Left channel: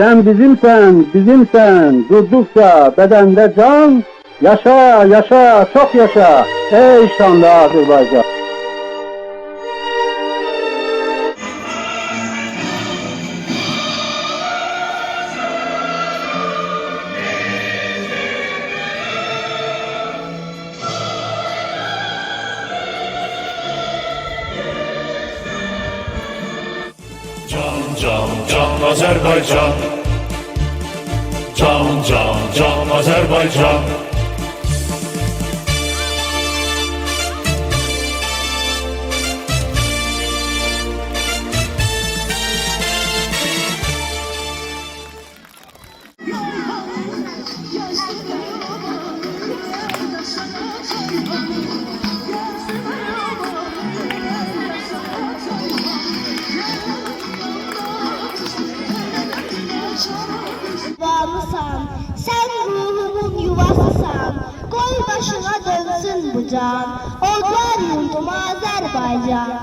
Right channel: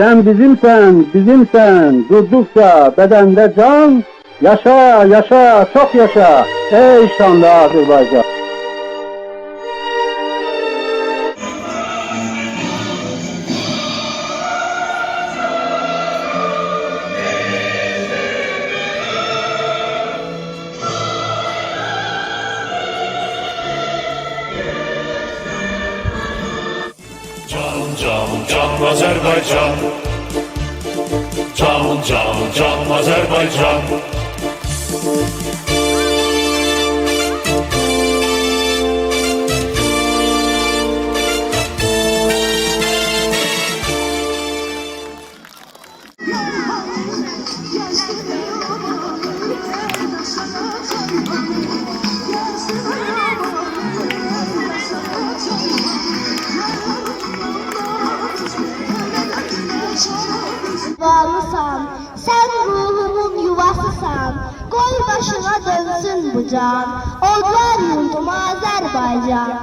Sen bizimsen, bizimsen, durdukça bedende can, yaşa, yaşa, çok yaşa, ey şanlı Azerbaycan. Can can can Azerbaycan. Can can can Azerbaycan. Varlısan, sen ruhumun yuvasısan, koy başına dönsün bu can, odlar yurdum Azerbaycan.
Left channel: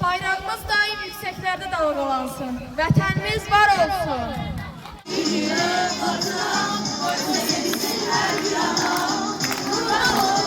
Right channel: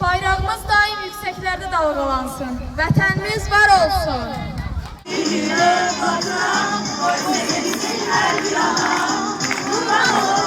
Bayrağımız daim yükseklerde dalgalansın. Vətənimiz var olsun. Vatan, oy sevimsin her yana. Kurban olsun.